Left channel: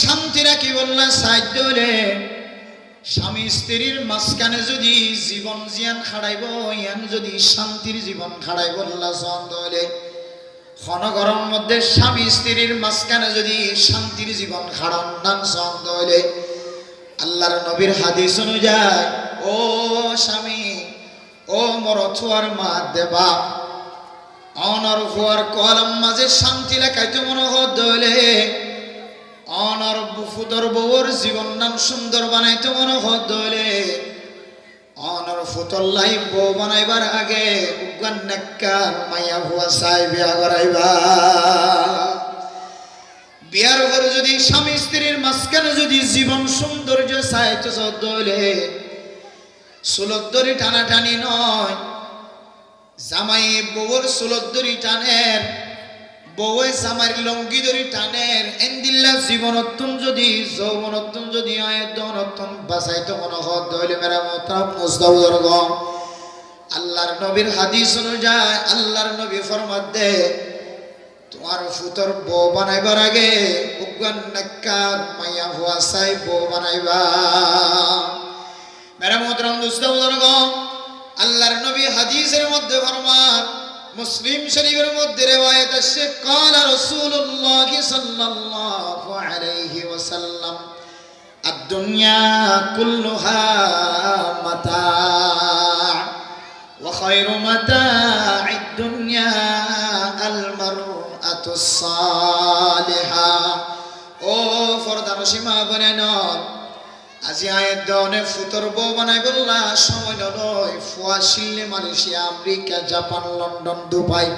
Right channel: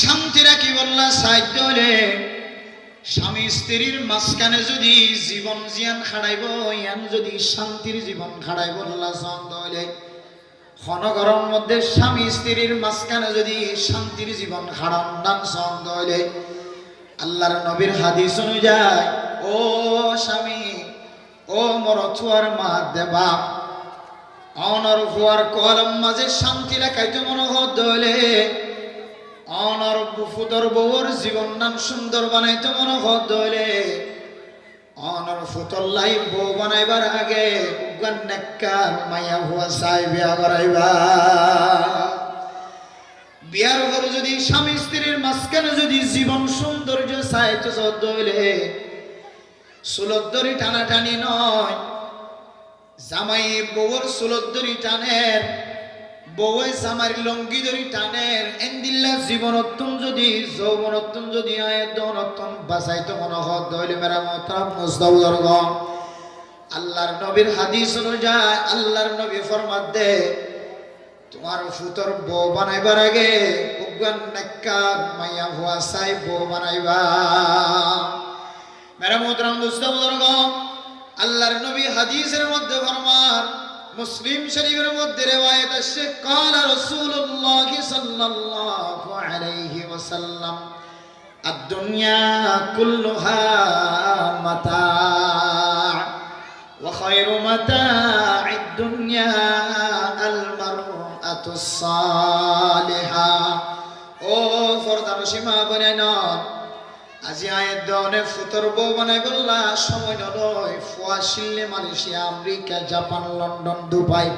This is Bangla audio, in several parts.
শান্তি রাখি বললা, সাহায্য হলে। স্বামী স্ত্রীর মাঝখানে যদি জীবন জিয়ান খাড়াইব, ইয়ান যদি শান্তির জীবন খাড়াইব, আল্লাহ ছন্দ হলে ক্ষণগরম মধ্যে স্বামী স্ত্রীর মাঝখানে যদি শান্তির জীবন খাড়ন ছন্দ হলে আল্লাহর নবীর হাদিস অনুযায়ী, ও স্বামী, ও মরথুয়ার মা, দেবা। অনর ফুয়ার কলম মাঝে শান্তি লেখাইতে মনে হলে অনর ফুতর বউর জীবন নাম সুন্দর বানাইতে মনে হলে অনর ফুতর লাই বউ বানাইবার আগে উগান মাইয়া হুয়া সাই বিয়া করাইবা। বিয়ার উপরে যদি স্বামী স্ত্রীর মাঝখানে যদি জীবন সৌন্দর্য চাইতে হলে সুলদ্দরি টানাটানি নয়, জামাই বউর সুলদ্দরি টানের বউয়ে জামার লঙ্গি ধরি টানের এন্দিল্লা জীবনত্তম যদি, যৌবনত্তম যদি দনত্তম বাসাইতে মনে হত দইলে মেরা মতাম মুস্তাউদর্গ আল্লাহর নবীর হাদিস অনুযায়ী, আল্লাহর নবী ফরমাত দে, তোমার ফুতর বউ বানাইবার আগে উগান নাক্কা মাইয়া হুয়া সাই বউ বানাইবা। মেরা মোহতরাম দুস্তাবুদর্গ আল্লাহর নবী হাদিসের মধ্যে ফরমান মুসলিম শরীফের মধ্যে রেওয়ায়েত আসছে قال رسول الله صلى الله عليه وسلم الدنيا كلها متاع وخير متاع الدنيا المرأة الصالحة ও ফরদা মসিমা বনে না আজি আয়ের দনে ফুতর বউ বানাই বললা সময় নয়। ফুয়া শিল্লে Malaysia, America, Japan, London, Dubai.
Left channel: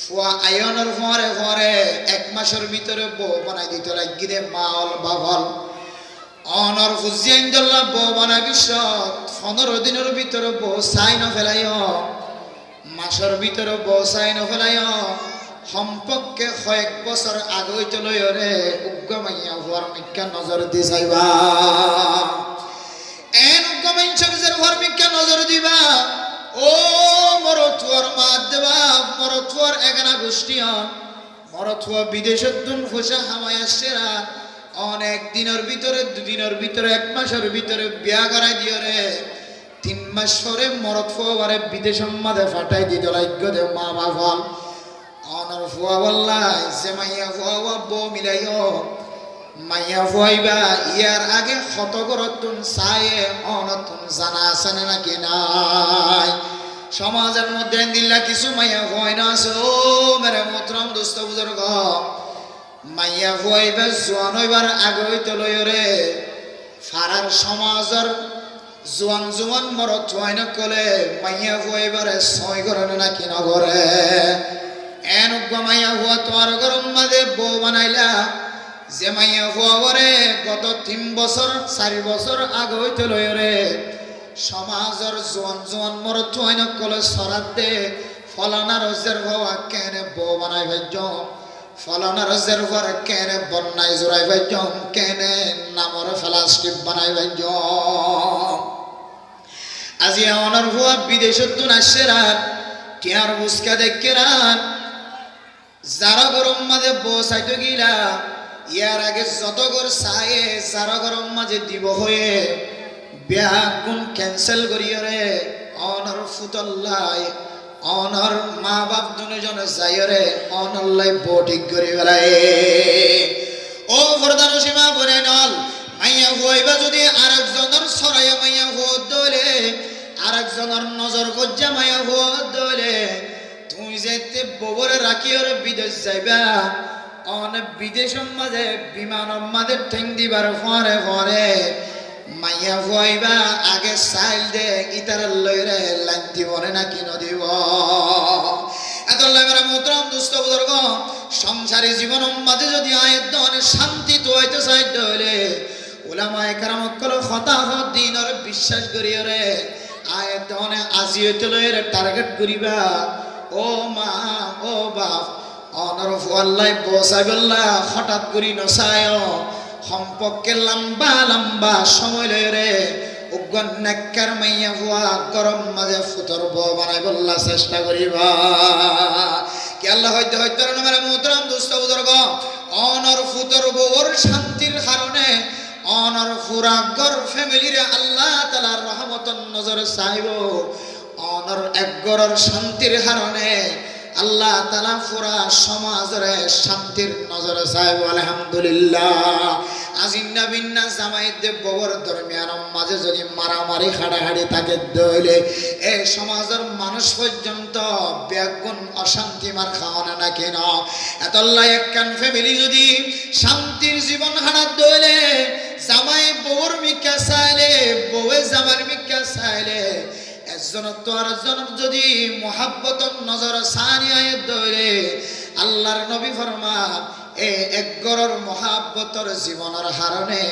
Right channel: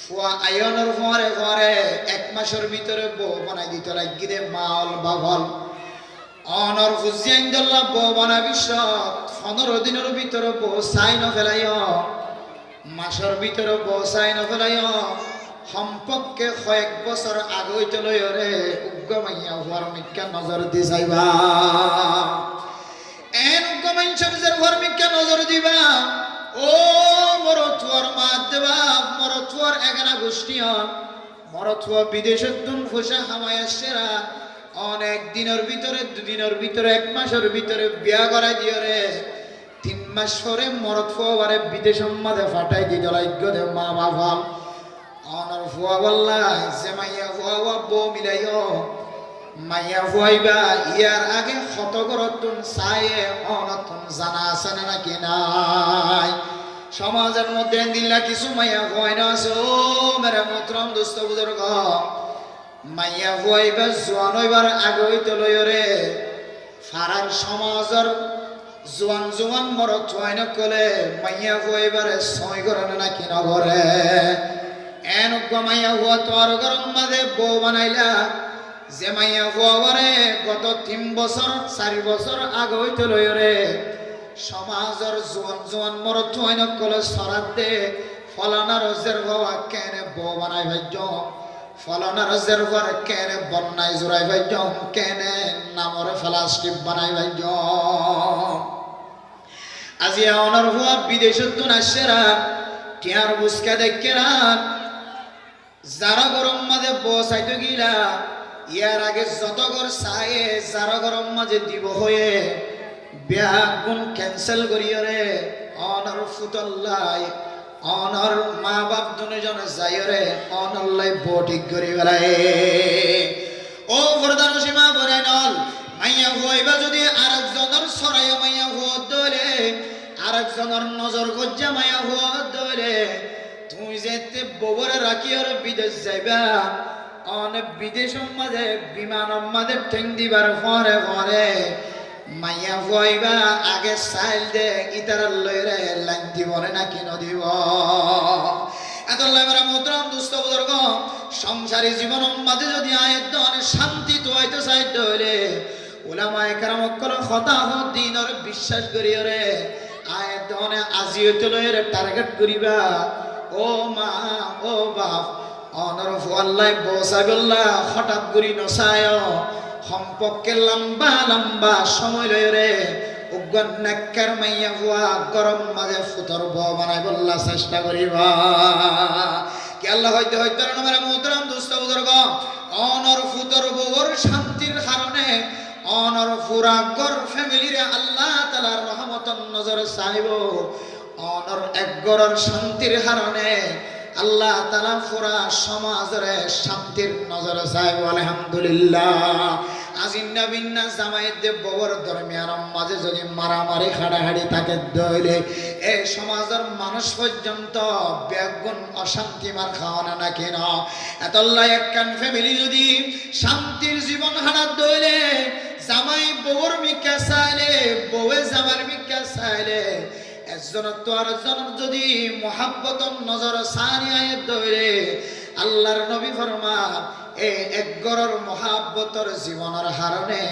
ফুয়া আয়নের ফরে ফরে এক মাসের ভিতরে বউ বানাই দিতে লাগিরে মাল, বাবল। অনর ফুজিয়াইন দল্লা বউ বানাই বিশ্ব পনেরো দিনের ভিতরে বউ সাইন ফেলাইয় মাসের ভিতরে বউ সাইন ফেলাইয় সম্পর্কে কয়েক বছর আগৈ তলৈ রে উগ্ৰমাইয়া হোৱাৰ মিক্কা নজর দি চাইবা। এন উগ্ৰমাইঞ্চৰ যে মিক্কা নজর দিবা। ও মর মরথুয়ার মাত দেবা, মর মরথুয়ার এগানা গোষ্ঠী হন। মরথুয়া বিদেশের দুন খুশা হামায় আসছেরা অনেক দিনের ভিতরে, দুদিনের ভিতরে, এক মাসের ভিতরে বিয়া করাই দিও রে। তিন মাস পরে বারে বিদেশের মাঝে ফাটাই দিত রাজ্য মা বাবা ফুয়া বল্লাই যে মাইয়া ফুয়া বউ মিলাইও। মাইয়া ফুয়াইবা ইয়ার আগে শত করতুন চায়ে অনতুন জানা আছে না নাকি নাই? সমাজের মধ্যে দিল্লা কিছু মাইয়া ফুয়াই না আছে। মেরে মুত্রম দুস্থ বুজুর্গ। মাইয়া ফুয়াইবা জোয়ান হইবার আগে হইতে লইরে ফারার সমাজের জোয়ান জোয়ান মরত হয় না কলে, মাইয়া ফুয়াইবারে ছয় করে নাকি নগরে এন মাইয়া হুয়া তোর গরম মাঝে বউ বানাইলা। যে মাইয়া হুয়া করে গত তিন বছর, চারি বছর আগে হইতে লই রে। সমাজের জোয়ান জোয়ান মরত হয় নকলে সরাত দে। ফলানা রজের হওয়া কেনে বউ বানাই ভাজ্য ফলানা রজের পর কেনে বন্যাই জোড়াই ভাজ্য কেনে নামর ফেলাস্টিপ বানাই ভাজ্য আজি অনর হুয়া বিদেশত তুন আসছেরা টিয়ার বুসকা দেখেরা যারা গরম মাঝে বসাইতে গিলা। ইয়ার আগে যত গর চায়ে যারা গরম মাঝে দিব হয়ে। বিয়া গুণ ক্যান্সেল করিও রে অনর ফুতল্লাই অনর মা বাপ দুজনে যাইরে অনল্লাই বটিক করি বেড়ায় ও প্রধান সীমা বলে নল। মাইয়া হুয়াইবা যদি আরেকজনের সরাইয়া মাইয়া হুয়া দলে আরেকজনের নজর গজ্জা মাইয়া হুয়া দলে তুমি যেতে ববরে রাখি ওর বিদেশ যাইবা অনেক বিদেশের মাঝে বিমান মাঝে ঠেং দিবার ফরে ফরে মাইয়া ফুয়াইবা আগে সাইল দে ইতার লইরে লাইন দিব নাকি নদিব এত লাগরা মুদ্রণ দুস্থ বুজুর্গ, সংসারী জীবন মাঝে যদি আয়ের দনে শান্তি তো হইতে চাইতে হইলে ওলামায় কারামকল হতাহ দিনর বিশ্বাস করিও রে, আয়ের দনে আজি হইতে লইরে টার্গেট করিবা। ও মা, ও বাপ, অনরফ আল্লাহ বসাই বললা হঠাৎ করি নসায়, সম্পর্কে লম্বা লম্বা সময় লয় রে উগ্র নেকর মাইয়া হুয়া, গরম মাঝে ফুতর বানাই বললা, চেষ্টা করিবা। কি আল্লাহ হইতে হইতে মেরা মুদ্রাম দুস্থ বুজুর্গ অনর ফুতর বউর শান্তি অনর ফুরাগর ফ্যামিলিরে আল্লাহ তালার রহমতন নজর চাইব। অনর একগরর শান্তির হারণে আল্লাহ তালা ফুরা সমাজরে শান্তির নজর চাইব আলহামদুলিল্লাহ। আজিন্না বিন্না মাঝে যদি মারামারি হাড়াহাড়ি থাকে দইলে সমাজের মানুষ পর্যন্ত অশান্তি মার খাওয়ানো না কেন? এতল্লাই একখান ফ্যামিলি যদি শান্তির জীবন হারাত দইলে, জামাই বউর মিকা চাইলে বউয়ে জামার মিকা চাইলে তো যদি মহাব্বতন নজর সানি আয়ে দইলে আল্লাহর নবী ফরমা এ একগরর মহাব্বতর জীবনের হারণে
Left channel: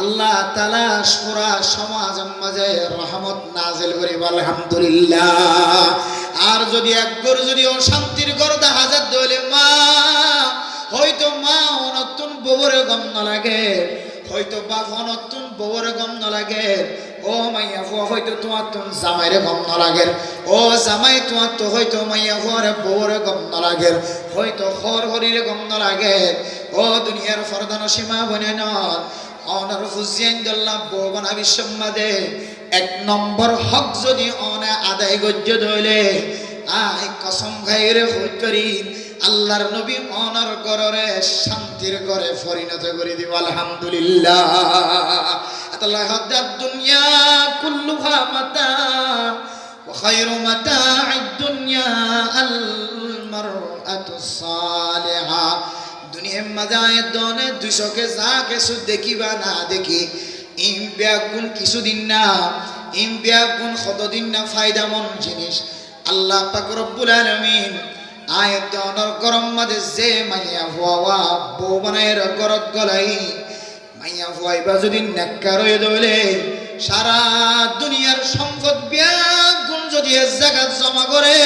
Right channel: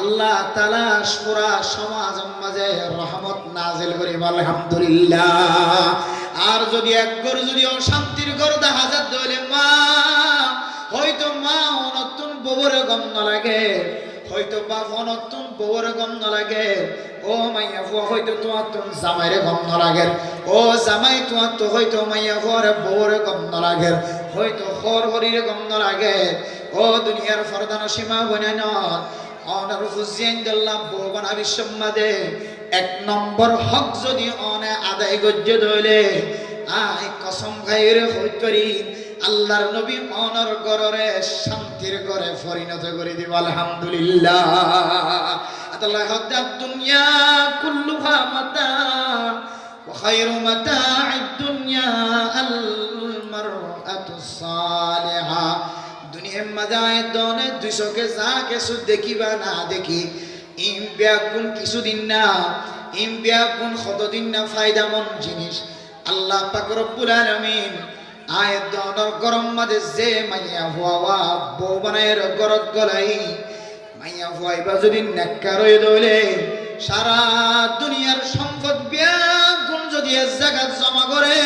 আল্লাহ তালা সুরা সমাজ মাঝে রহমত নাজিল করি আলহামদুলিল্লাহ। আর যদি একগর যদি অশান্তির গর দেখা যায় মা, হয়তো মা অনতুন ববরে গন্ধ লাগে। হয়তো বাপ অনতুন ববরে গন্ধ লাগে ও মাইয়া ফুয়া হয়তো তোমার তুম জামাইরে গন্ধ লাগে ও জামাই তোমার তো হয়তো মাইয়া ফুয়ারে ববরে গন্ধ লাগে হয়তো হর হরিরে গন্ধ লাগে ও দুনিয়ার ফরদান সীমা বনে নয় অনার হুসেন দল্লা বৌবনা বিশ্বমাদে এক নম্বর হক যদি অনে আদায় গজ্য ধইলে আই কসম খাইরে হইতরি আল্লাহর নবী অনার গররে শান্তির করে পরিণত করে দিব আলহামদুলিল্লাহ আল্লাহ হদ্দাত দুনিয়া কুল্লুহা মাতা وخير متاع الدنيا المرأة الصالحة দুনিয়ার মাঝে দনে দুইশোকে যা কিছু দেখিবা না দেখি ইম ব্যাগুন কিছুদিন না ইম ব্যাগুন কতদিন না ফায়দামন জিনিস আল্লাহ পাক রব্বুল আলামিন আয়াত দনর গরম মাঝে যে মাইয়া হওয়া বউ বানায়ের গরত গলাই, মাইয়া হওয়াইবা যদি নেককার হয়ে দলে, সারা দুনিয়ার সম্পদ ব্যাগুন যদি এক জায়গা জমা করে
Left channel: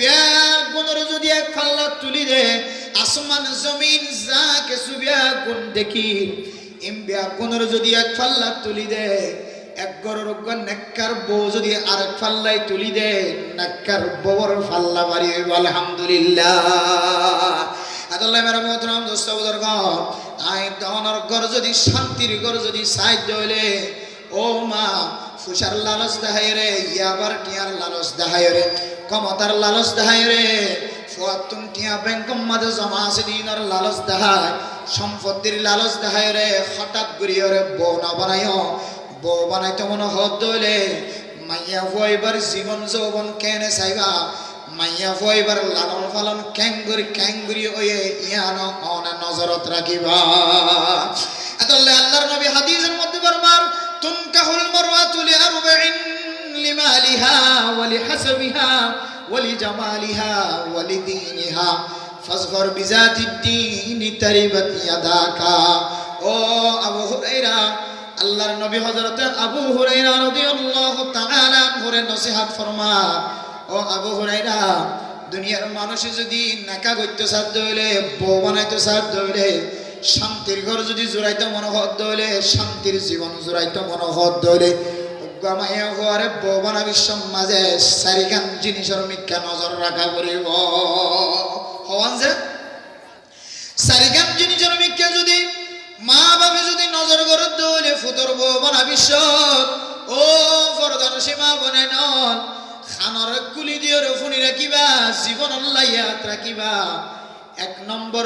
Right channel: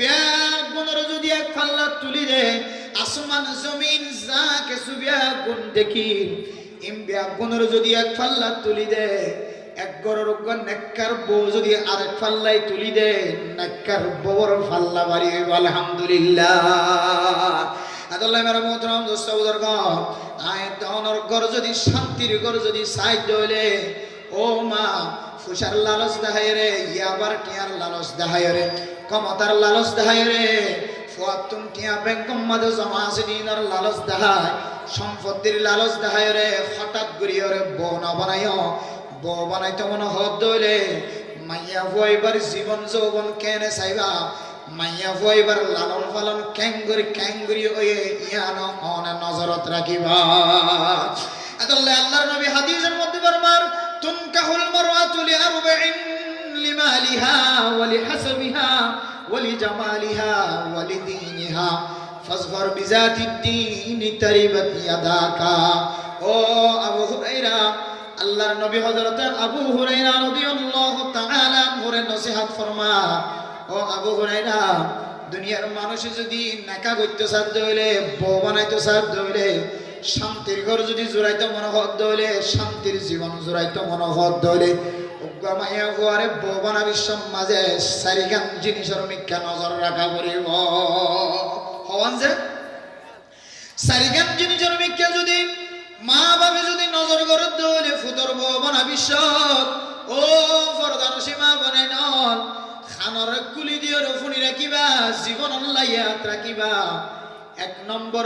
ব্যাগুনের যদি এক পাল্লা তুলি দেয় আসমান, জমিন, যা কিছু ব্যাগুন দেখি, এম ব্যাগুনের যদি এক পাল্লা তুলি দেয় এক যদি তুলি যদি, শান্তির ঘর যদি সাহায্য হইলে, ও মা, ফুসার লালস দেখায় রে, ইয়াবার টিয়ার লালস দেখায় রে, ক্ষমতার লালস রে টিয়া মাঝে জমা আছে দিনের লালস দেখায়, সম্পত্তির লালস দেখায় রে, হঠাৎ ঘুরিয়ে রে বউ বানায় বউ বানাইতে মনে হত দইলে, মাইয়া ফুয়াইবার জীবন যৌবন কেনে চাইবা, মাইয়া ফুয়াইবার লালন পালন ক্যাঙ্গুরি ক্যাঙ্গুরি হয়ে ইয়ান অনে নজরত রাখিবা। এতলে আল্লাহর নবী হাদিসের মধ্যে বারবার তুনকাহুল মারওয়াতু লিআরবাইন লিমালিহা ওয়া লিহাসবিহা ওয়া লিজামালিহা ওয়া লিদীনিহা, ফাজফর বিজাতিদ দীনি তারিবাত ইয়াদাকা। ও আবু হুরায়রা আল্লাহর নবী হযরত আবু হুরায়রা রাদিয়াল্লাহু তাআলা আনহুর নসিহত ফরমা ও আবু হুরায়রা, দুনিয়ার মানুষ যদি নাকা করতে সাধ্য হইলে, বউ বানাইতে সাধ্য হইলে, শান্তির ঘর যদি জোড়াইতে মনোহত হইলে শান্তির জীবন জোড়াইতে মনোহত হইলে মাইয়া হওয়ারে বউ জিনিসের মিথ্যা নজর রাখা করিব। হওয়ান যে জিনিসের মিথ্যা ফুতর বউ বানাবি ও ফরদান সীমা বনাই নন। খানর কুলি দিয়ে রফুনি রাখিবা, জীবন আল্লাহিয়াত রাখিবা। এক নম্বর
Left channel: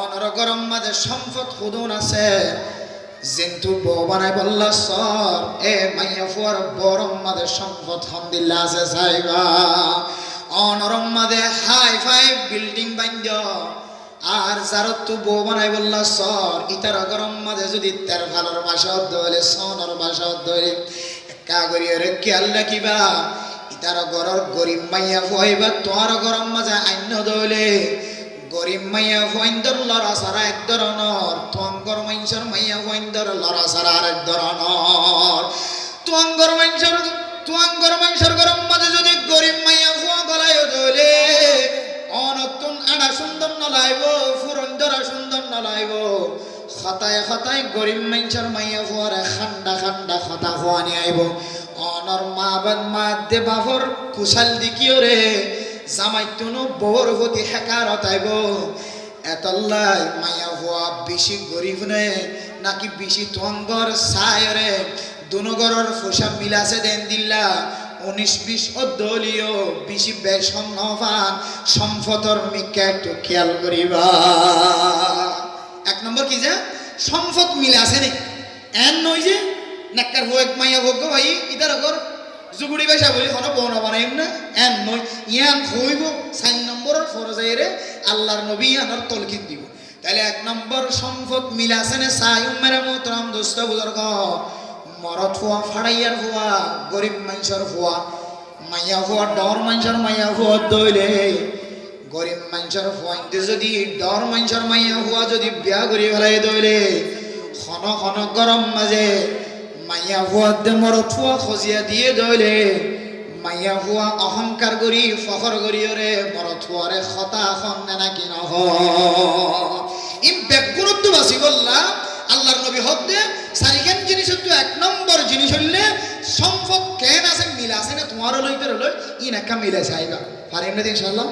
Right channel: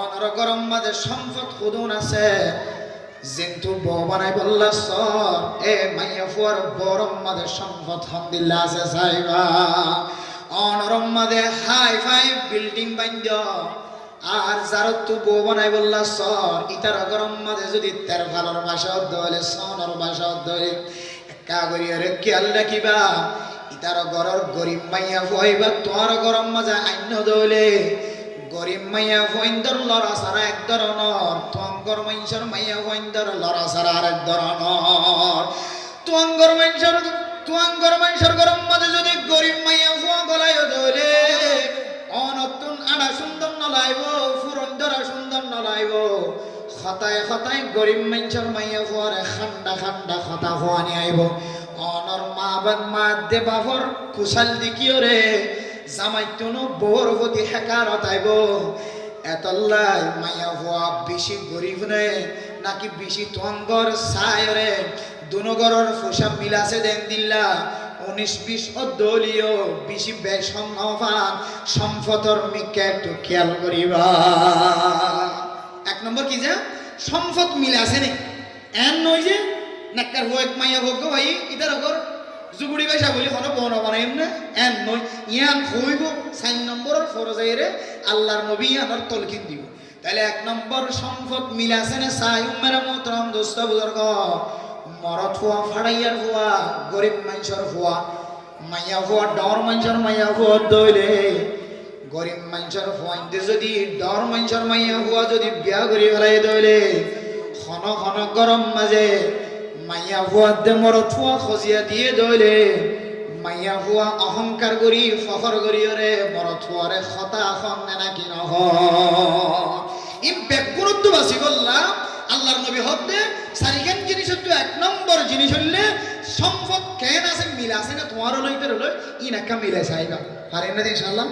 অনর গরম মাঝে সম্পদ খুদুন আছে। যেন্তু বানাই বললা, সর, এ মাইয়া ফুয়ার বরম মাঝে সম্পদ হন্দিল্লা আছে সাইবা। অনরম মাঝে হাই ফাই বিল্ডিং বান্ধ আর যার তু বউ বানাই বললা সর ইতার গরম মাঝে যদি তের ভালোর মাসে ধরে সনর মাসে ধরে একা করিয়া রে খেয়াল রাখিবা ইতার গরর গরিব মাইয়া ফুয়াইবা তোমার গরম মাঝে আইন্য দলে গরিব মাইয়া ফুয়াইন্দর লড়া সারা এক ধরনের, তোমার মাইনসর মাইয়া ফুয়াইন্দর লড়া সারা আর এক ধরনের। তোমার মাইনসর তোমার মাইনসর গরম মাঝে যদি গরিব মাইয়া ফুয়া গলায় দলে অনতুন আড়া সুন্দর নলাইব। খতায় খতায় গরিব মেঞ্চর মাইয়া ফুয়ারে খান্ডা খান্ডা খতা হওয়ানি আইব। অনর মা বাদ মা দে বাবর কুশাল দিকিও রে? জামাই তুনু বউর প্রতি হেকারত আইব। এতল্লাই মাইয়া হওয়া বেশি গরিব নে, নাকি বেশি থঙ্গর সায়রে দুনগরের পোশাক মিলাছে দেন দিল্লা। উনিশ বিশ অদলীয় বেশি বেসম্মান সম্পদর মিকা একটু খেয়াল করিবা। এক নম্বর কি যে? সম্পদ মিলে আছে নি। এন নয় যে, নাক্কার হো এক মাইয়া ভোগ ভাই, ইতার ওপর জুগুড়ি পয়সা বলি কোনো বনা বানাইম না, এন নয়। ইয়ান হইব চার নম্বরের ফরজাইরে আল্লাহর নবী ইয়ানোর তলকিন দিব। তাহলে এক নম্বর সম্পদ মিলে আছে না, সাই উম্মের মোতরাম দোস্ত বুজুর্গ। মরত হওয়া ফাড়াইয়ার হওয়া গরিব মানুষের হওয়া মাইয়া হওয়া ডর মানুষের মাইয়া হওয়া দইলে গরিব মানুষের হইতে যদি ডর মানুষের মাইয়া হওয়া যদি বিয়া করি ফেলাই দইলে খন খন গরম মাঝে মাইয়া হওয়া দে মরত হওয়া খজিয়া দিয়ে দইলে মাইয়া হওয়া অহংকার করি ফখর করি রে মরত হওয়ারে খতা খন নে নাকি নহ ই বেগুরত্ব বাসি বললাম আল্লাহর নবী হদ্দে সারিখান জিনিস হচ্ছে এক নম্বর জিনিস হইলে, সম্পদ কেন আছে, মিল আছে না তোমারও লইতে রইল ই নাকা মিলে চাইবা। পারেন না ইনশাআল্লাহ?